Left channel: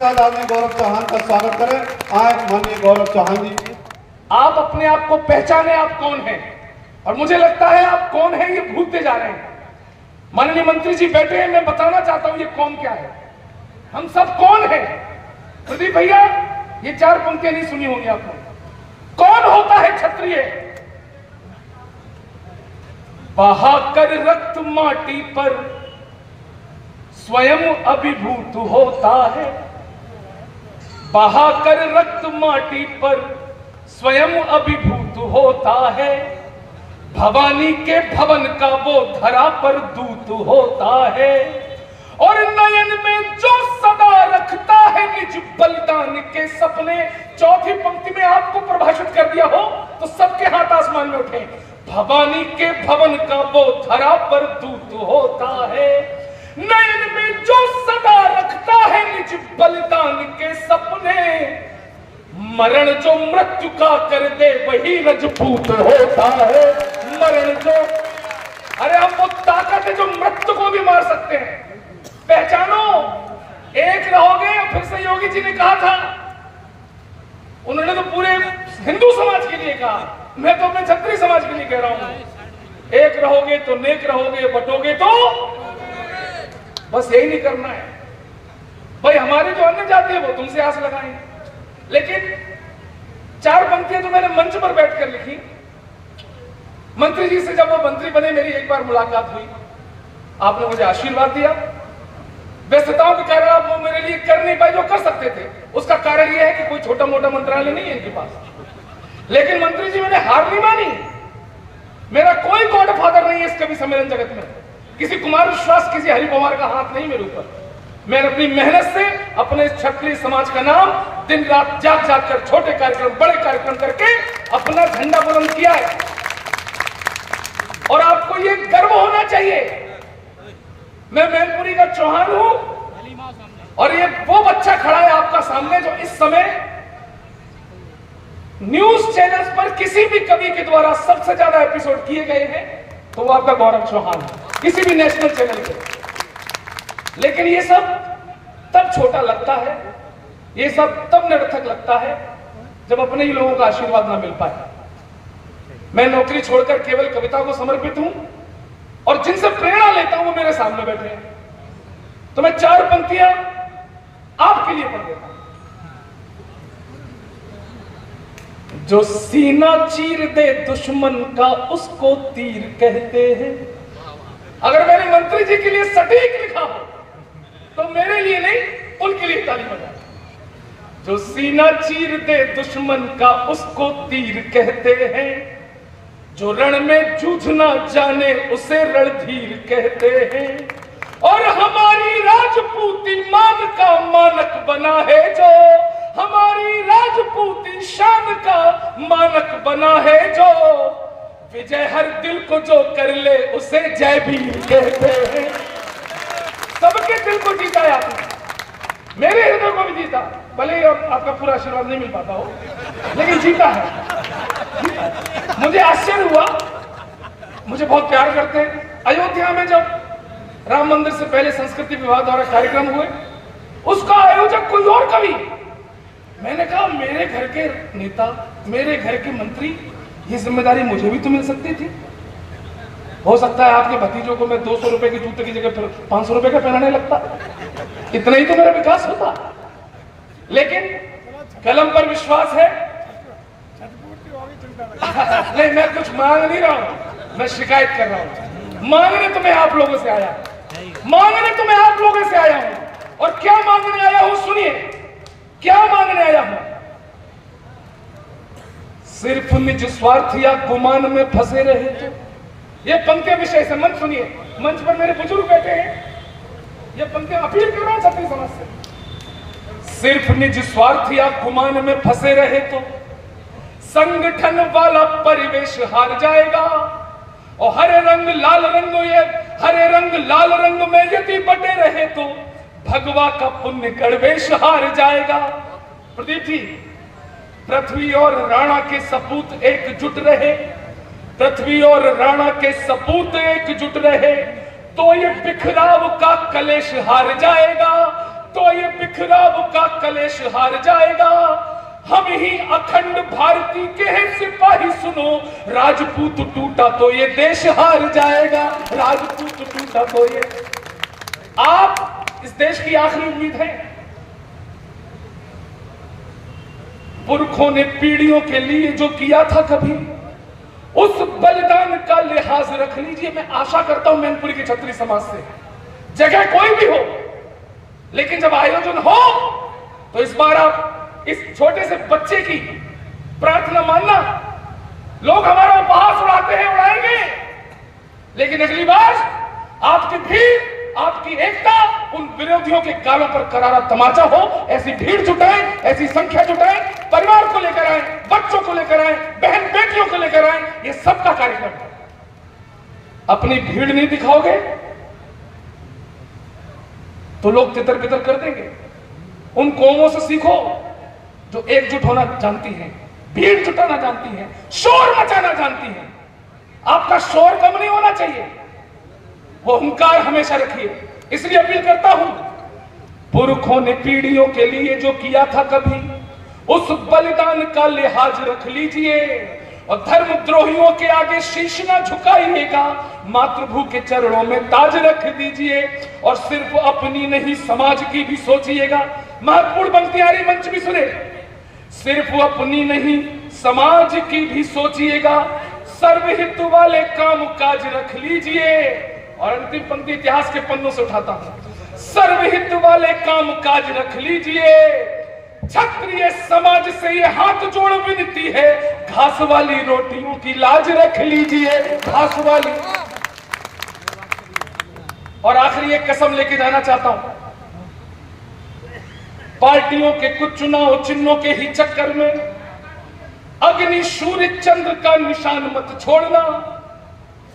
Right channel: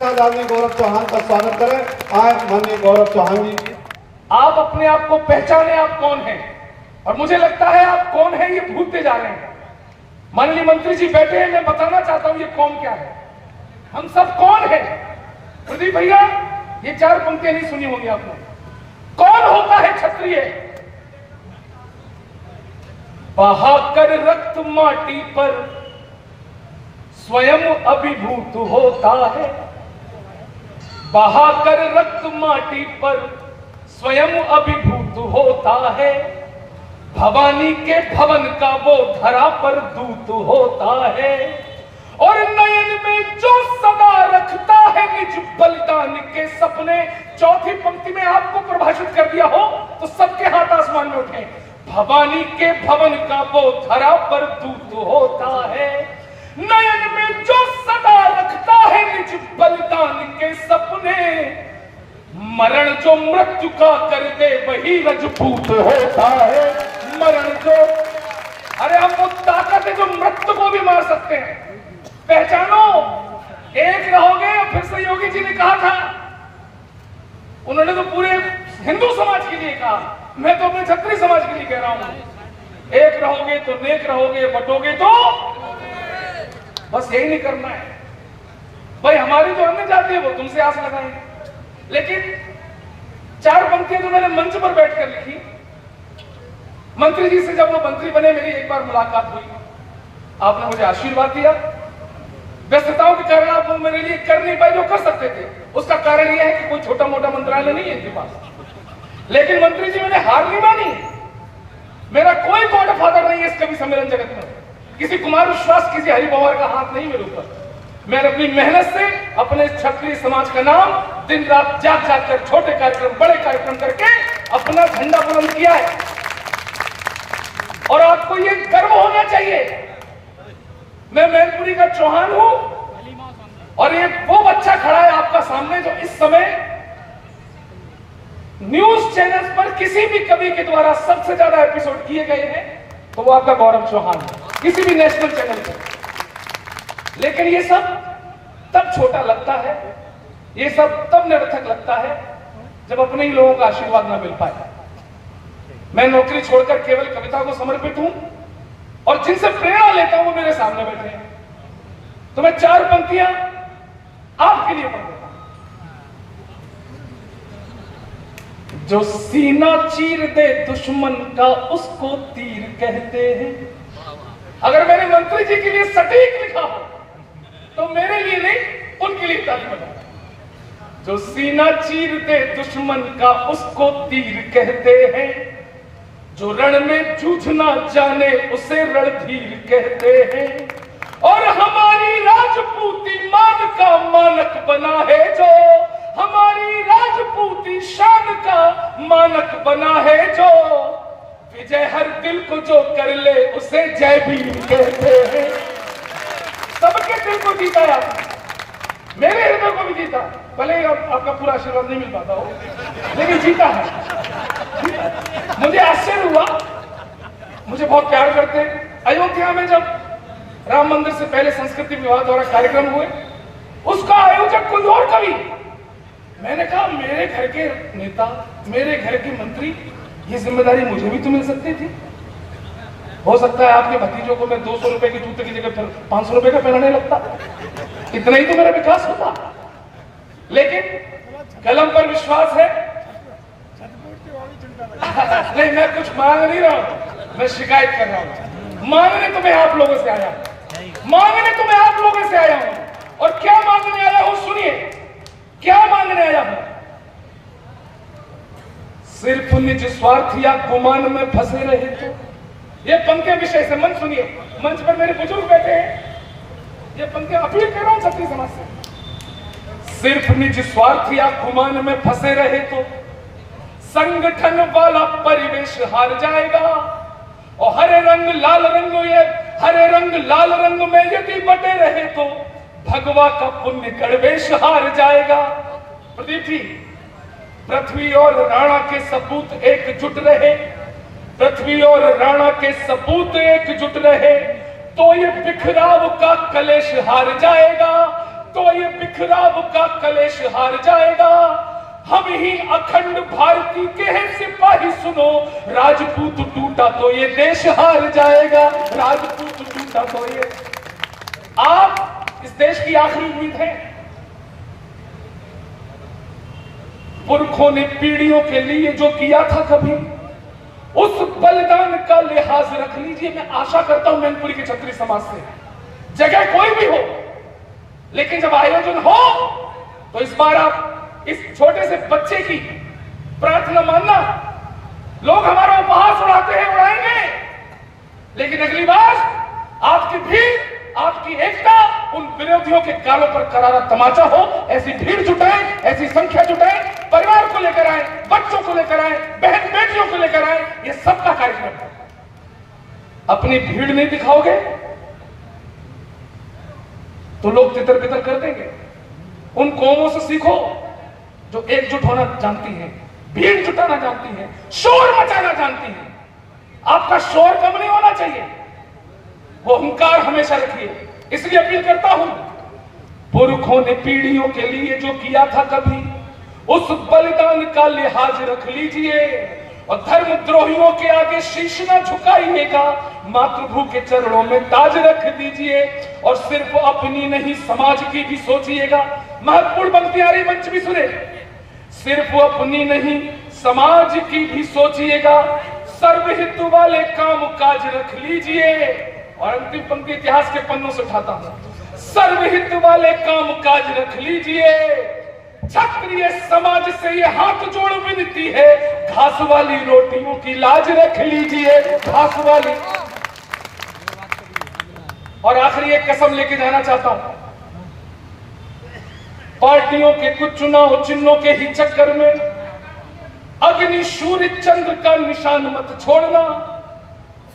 आदमी गौरव चौहान का स्वागत करें। आए माननीय गौरव चौहान जी। आप अपने आप को पहचाने, आप कौन हैं, और मुझे लगता है आप कौन हैं ये भूलते जा रहे हैं। माननीय मंत्री जी बैठे हैं, मैं बताना चाहता हूं ये कौन क्या है, हम सब कौन हैं। प्रदीप भैया, ये चार पंक्तियां नहीं सुनी होंगी आपने। कौन होता है क्षत्रिय? बहाकर रक्त माटी पर स्वयं अभिभूत होता है। बहाकर रक्त माटी पर स्वयं अभिभूत होता है। भवानी के भवन का वो धरा पर दूत होता है। और नयन में जो सदा रखता है निज बलिदान के सपने। चौथी पंक्ति में आपको परिभाषित कर दिया हो तो सबके हाथ आसमान में उठे। भवानी के भवन का वो धरा पर दूत होता है। नयन में जो सदा रखता है निज बलिदान के सपने। मरण जो मृत्यु का कर दे वही रजपूत होता है। मरण जो, अरे अब वो ताकत है जो मृत्यु को भी मार सकते हैं। पहचानो, एक रहोगे। फिर से योगी जी ने कहा था, उन्होंने तो पूरे हिंदू समाज के लिए कहा, मैं तो अपने क्षत्रिय समाज के लिए कह रहा हूं, एक रहोगे तो नेक रहोगे, बटोगे तो बस यही नहीं करना है। भाई हमारी जो अन्य जाति है वो तुमसे आस लगना है। लेकिन चार पंक्तियां जो मैंने मंच पर बैठकर लिखी, मंत्री जी से जब वो मंत्री बने मेरी एक बार मुलाकात हुई, आपने मुझे आशीर्वाद दिया। व्यस्तताओं के कारण आप वो मेरे लिए कर नहीं पाए जो कर सकते थे। उसका कारण यह है कि कोई छोटा मोटा मंत्रालय नहीं है इनके पास। लेकिन मंत्री जी मैंने हार नहीं मानी। मेरा कोई गॉड फादर नहीं है इस कवि सम्मेलन जगत में। किसी कुमार विश्वास, किसी हरिकुमार का हाथ नहीं मेरे ऊपर। मैंने अपनी मेहनत से अपने क्षत्रिय समाज का नाम दिन रात जाग जाग कर छोटे कार्यक्रम बड़े कार्यक्रम करके अपना झंडा बुलंद किया है। और आपको ये गर्व होना चाहिए, मैं मैनपुरी का चौहान हूं और ये वो बच्चा खड़ा है आपका सामने जो इस समय न्यूज चैनल्स पर किसी भी कवि के द्वारा सबसे ज्यादा एपिसोड किए गए हैं तो वो आपका गौरव चौहान है, किसी भी नेशनल चैनल पर। लेकिन ये सब तब छोटा लगता है, ये सब तब निरर्थक लगता है जब अपने ही लोगों का आशीर्वाद ना मिल पाए। मैं नौकरी छोड़कर केवल कविता को समर्पित हूं और जिनसे प्रेरणा लेता हूं वो मेरे सामने बैठे हैं। तो मैं चार पंक्तियां आपके लिए पढ़ देता हूं। जो सीना चीर दे दुश्मन का उसको तीर कहते हैं। अगर मैंने मंत्री जी के लिए सटीक लिखा हो तो मेरे लिए नहीं, उनके लिए ताली बजा। जो सीना चीर दे दुश्मन का उसको तीर कहते हैं। जो रण में जूझना जाने उसे रणधीर कहते हैं। और हमारी राजपूती मान का मानक बना है जो, हमारी राजपूती शान का मानक बना है जो। विजय हर दिल को जो कर ले उसे जयवीर कहते हैं। सबके दिल को जीता है आपने, मेरे हृदय को भी जीता। भले ही आपका पूरा आशीर्वाद नहीं मिल पाता हो, लेकिन जीता है। मुझे आश्चर्य हुआ, मुझे बहुत प्यार करते हैं। अयोध्या में जब राम मंदिर से पहले संस्कृति विभाग द्वारा कार्यक्रम हुए, उसका आयोजक कोई और कवि। मैंने कहा मेरे घर के नेता, मेरे घर के मंत्री, ये जिम्मेदारी मुझे भी तो मिल सकती थी। हो सकता है आपके भतीजों को मैं 200 रुपए के जूते की जगह पर 500 रुपए का पहनाने लगता, इतना ही तो मेरा विकास होता। लेकिन कलम पर विश्वास है। नहीं, मैं कुछ मांग नहीं रहा हूं, मैं शिकायत कर रहा हूं। मांगने तो मैं आप लोगों से आया हूं, मांगने तो मैं आप लोगों से आया हूं। और क्या मांगने आया हूं सुनिए, क्या मांगने आया हूं। सिर्फ निज स्वार्थ या गुमान में फंसे रहे तो, ये पंक्तियां विषय से मंच सुनिए। मंच पर मेरे बुजुर्ग बैठे हैं, ये पंक्तियां अपील कर रहा हूं क्षत्रिय समाज से। सिर्फ निज स्वार्थ या गुमान में फंसे रहे तो संगठन वाला परिवेश हार जाएगा। और हरे रंग लाल रंग, ये हरे रंग लाल रंग में यदि बटे रहे तो भगवा का पुण्य गणवेश हार जाएगा। प्रदीप जी, पृथ्वी और राणा के सपूत एकजुट रहे, पृथ्वी और राणा के सपूत एकजुट रहे तो ये बिखराव का कलेश हार जाएगा। तो ये बिखराव का कलेश हार जाएगा। हम ही अखंड भारती के हैं सिपाही, सुनो, राजपूत टूटा तो ये देश हार जाएगा, राजपूत टूटा तो ये। आप इस देश की आखिरी उम्मीद है। पुरखों ने पीढ़ियों के लिए जो किया था, कभी उस बलिदान का लिहाज रख लीजिए। मैं आशा करता हूं मैनपुरी के छत्री समाज से, जगह कोई भी हो, लेकिन जब आयोजन हो तो इस बार आप इस छोटे से बच्चे की प्रार्थना मानना। लोग हमारा उपहास उड़ाते हैं, उड़ाएंगे, लेकिन अगली बार आपकी भीड़, आपकी एकता उन विरोधियों के गालों पर करारा तमाचा हो। ऐसी भीड़ जुटाएं, ऐसी संख्या जुटाएं, परिवार को लेकर आए, बच्चों को लेकर आए, बहन बेटियों को लेकर आए, ये सबका कार्यक्रम है। अपनी भीड़ नहीं दिखाओगे तो लोग तितर बितर कर देंगे। उन कौमों से सीखो जो एकजुट होना जानती है, भीड़ जुटाना जानती है, शोर मचाना जानती है। आपका शोर कम नहीं होना चाहिए, वो अहंकार हमेशा रखिए। इसलिए अपील करता हूं, पुरखों ने पीढ़ियों के लिए जो किया था, कभी उस बलिदान का लिहाज रख लीजिए और धर्मद्रोहियों के आगे शीश न झुकाइएगा। मातृभू के चरणों में ताज रख दीजिए और सिर्फ अपनी नहीं समाज की भी सोचिएगा। महत्वपूर्ण पंक्तियां रही, मंच भी सुने। सिर्फ अपनी नहीं समाज की भी सोचिएगा, सर्वहित वाले काम काज रख लीजिए। और अंतिम पंक्ति इतिहास के पन्नों से उठाता हूं, सर्वहित वाले काम काज रख लीजिए। क्षत्रिय समाज से ये हाथ जोड़ विनती है, घास वाली रोटियों की लाज रख लीजिए, घास वाली। और आखिरी एक कसम लेके जाना चाहता हूं, पार्टियों के कुछ चुनाव चिन्हों के ही चक्कर में अग्नि सूर्य चंद्र का निशान मत छोड़ना।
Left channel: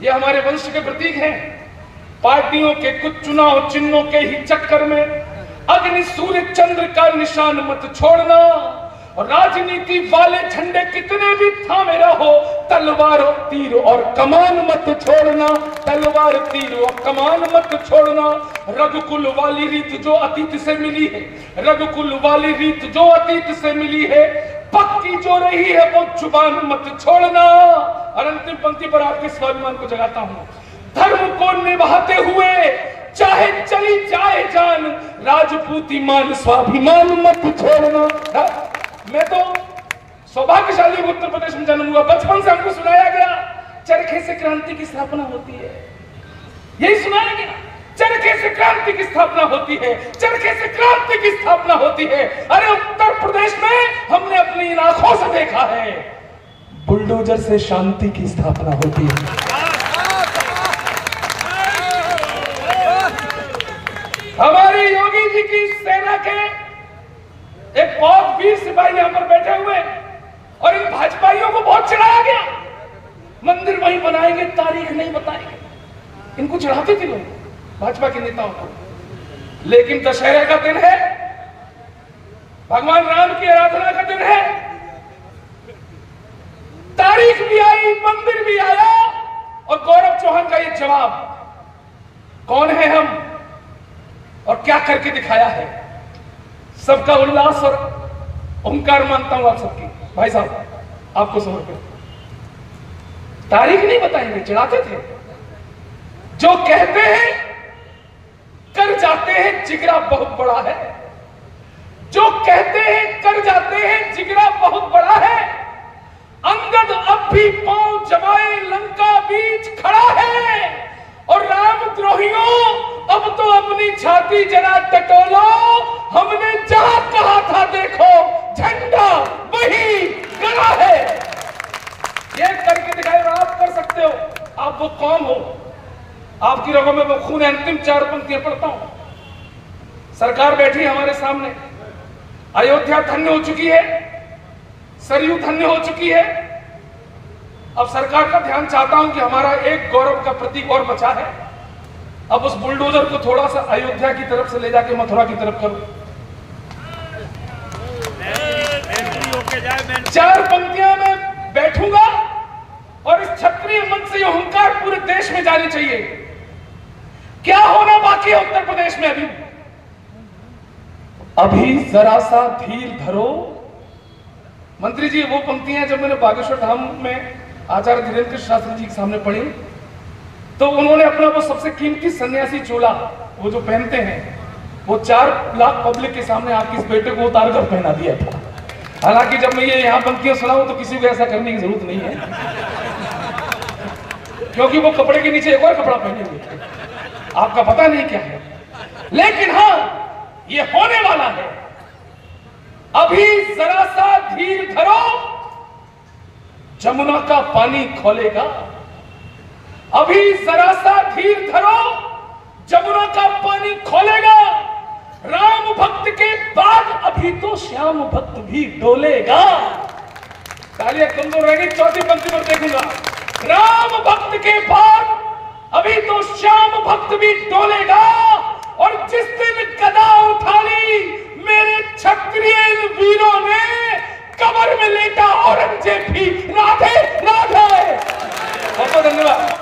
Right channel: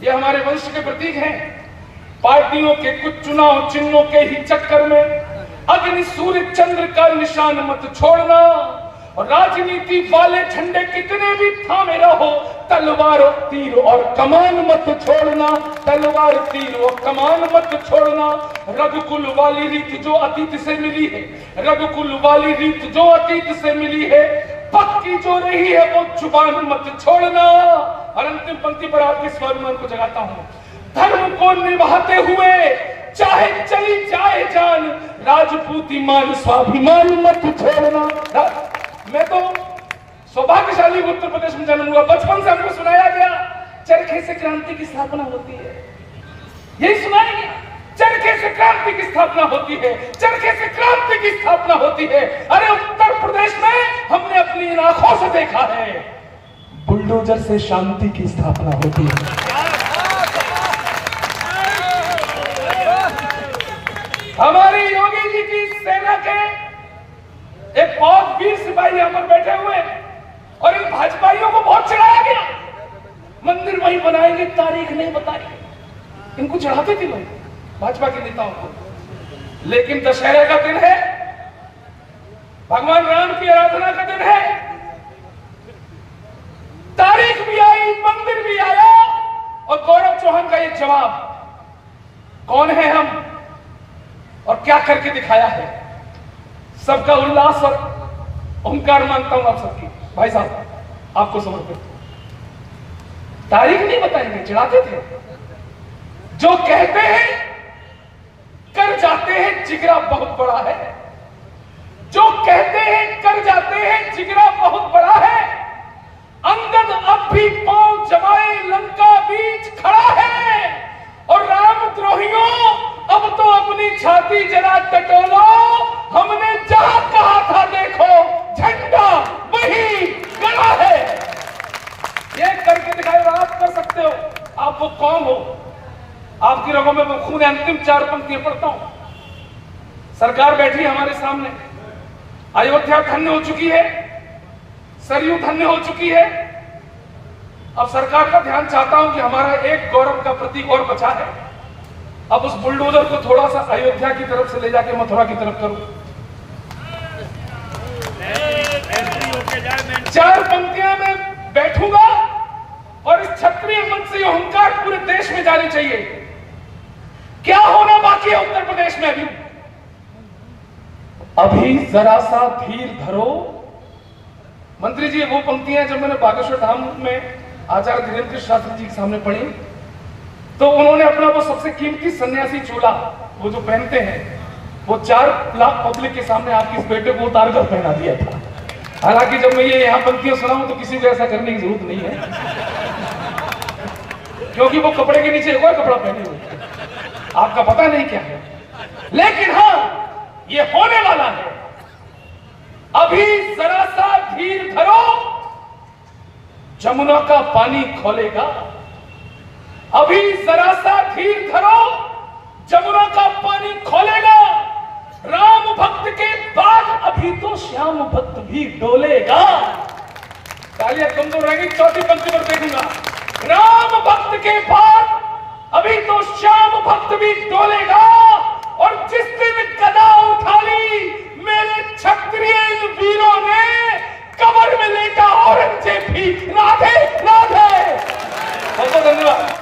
ये हमारे वंश के प्रतीक हैं। पार्टियों के कुछ चुनाव चिन्हों के ही चक्कर में अग्नि सूर्य चंद्र का निशान मत छोड़ना। और राजनीति वाले झंडे कितने भी थामे रहो, तलवार तीर और कमान मत छोड़ना, तलवार तीर और कमान मत छोड़ना। रघुकुल वाली रीत जो अतीत से मिली है, रघुकुल वाली रीत जो अतीत से मिली है, पक्की जो रही है वो जुबान मत छोड़ना। और अंतिम पंक्ति पर आपके स्वाभिमान को जगाता हूं, धर्म को निभाते हुए चाहे चली जाए जान, राजपूती मान स्वाभिमान मत छोड़ना। मैं तो सौभाग्यशाली उत्तर प्रदेश में जन्मा, बचपन से हमको सुनाया गया चरखे से क्रांति की स्थापना होती है। यही सुनाया गया, चरखे से क्रांति की स्थापना होती है, चरखे से क्रांति की स्थापना होती है। अरे उत्तर प्रदेश में हमने अपनी आंखों से देखा है, बुलडोजर से शांति की स्थापना होती है। हमारे योगी जी की सेना के एक बहुत वीर सिपाही यहां पर बैठे हुए, और इन भाजपाइयों को बहुत चढ़ाया गया। मंदिर वहीं बनाएंगे, तारीख नहीं बताएंगे। इनको चढ़ाते थे लोग, भाजपा के नेताओं को। लेकिन दशहरा का दिन है, भगवान राम की आराधना का दिन है, तारीख भी आई, मंदिर भी आया, और गौरव चौहान का ये जवाब, कौन है हम और क्या करके दिखाया है। सबका उल्लास और ओंकार मानता हूं आप सबकी। भाई साहब आपको समर्पित। तारीख नहीं बताएंगे, चढ़ाते थे। जो कहते हैं कर जाते हैं, जिगरा बहुत बड़ा है। जो कहते हैं कर जाते हैं, जिगरा बहुत बड़ा है। अंगद अब भी पांव जमाए लंका बीच खड़ा है, और रामद्रोहियों अब तो अपनी छाती जरा टटोलो। हमने जहां कहा था देखो, झंडा वही गड़ा है। ये करके दिखाए, और आप कर सकते हो। आप वो कौन हो, आपकी रगों में वो खून है। अंतिम 4 पंक्तियां पढ़ता हूं। सरकार बैठी हमारे सामने, अयोध्या धन्य हो चुकी है, सरयू धन्य हो चुकी है। अब सरकार का ध्यान चाहता हूं कि हमारा एक गौरव का प्रतीक और बचा है। अब उस बुलडोजर को थोड़ा सा अयोध्या की तरफ से ले जाके मथुरा की तरफ करूं। 4 पंक्तियां में बैठूंगा और इस क्षत्रिय मंच से अहंकार पूरे देश में जानी चाहिए। क्या होना बाकी है उत्तर प्रदेश में अभी? अभी जरा सा धीर धरो। मंत्री जी, वो पंक्तियां जब मैंने बागेश्वर धाम में आचार्य धीरेन्द्र शास्त्री जी के सामने पढ़ी तो उन्होंने अपना वो सबसे कीमती सन्यासी चोला वो जो पहनते हैं वो 4 लाख पब्लिक के सामने आपके इस बेटे को उतार कर पहना दिया था। हालांकि जब मैं ये यहाँ पंक्तियां सुनाऊं तो किसी को ऐसा करने की जरूरत नहीं है, क्योंकि वो कपड़े के नीचे एक और कपड़ा पहने हुए थे, आपका पता नहीं क्या है। लेकिन हाँ, ये होने वाला है। अभी जरा सा धीर धरो, जमुना का पानी खोलेगा। अभी जरा सा धीर धरो, जमुना का पानी खोलेगा। राम भक्त के बाद अभी तो श्याम भक्त भी डोलेगा। तालियां कमजोर रहेगी, चौथी पंक्ति पर देखूंगा। राम भक्त के बाद अभी तो श्याम भक्त भी डोलेगा। और जिस दिन गदा उठानी मेरे क्षत्रिय वीरों ने, कब्र में लेटा औरंगजेब भी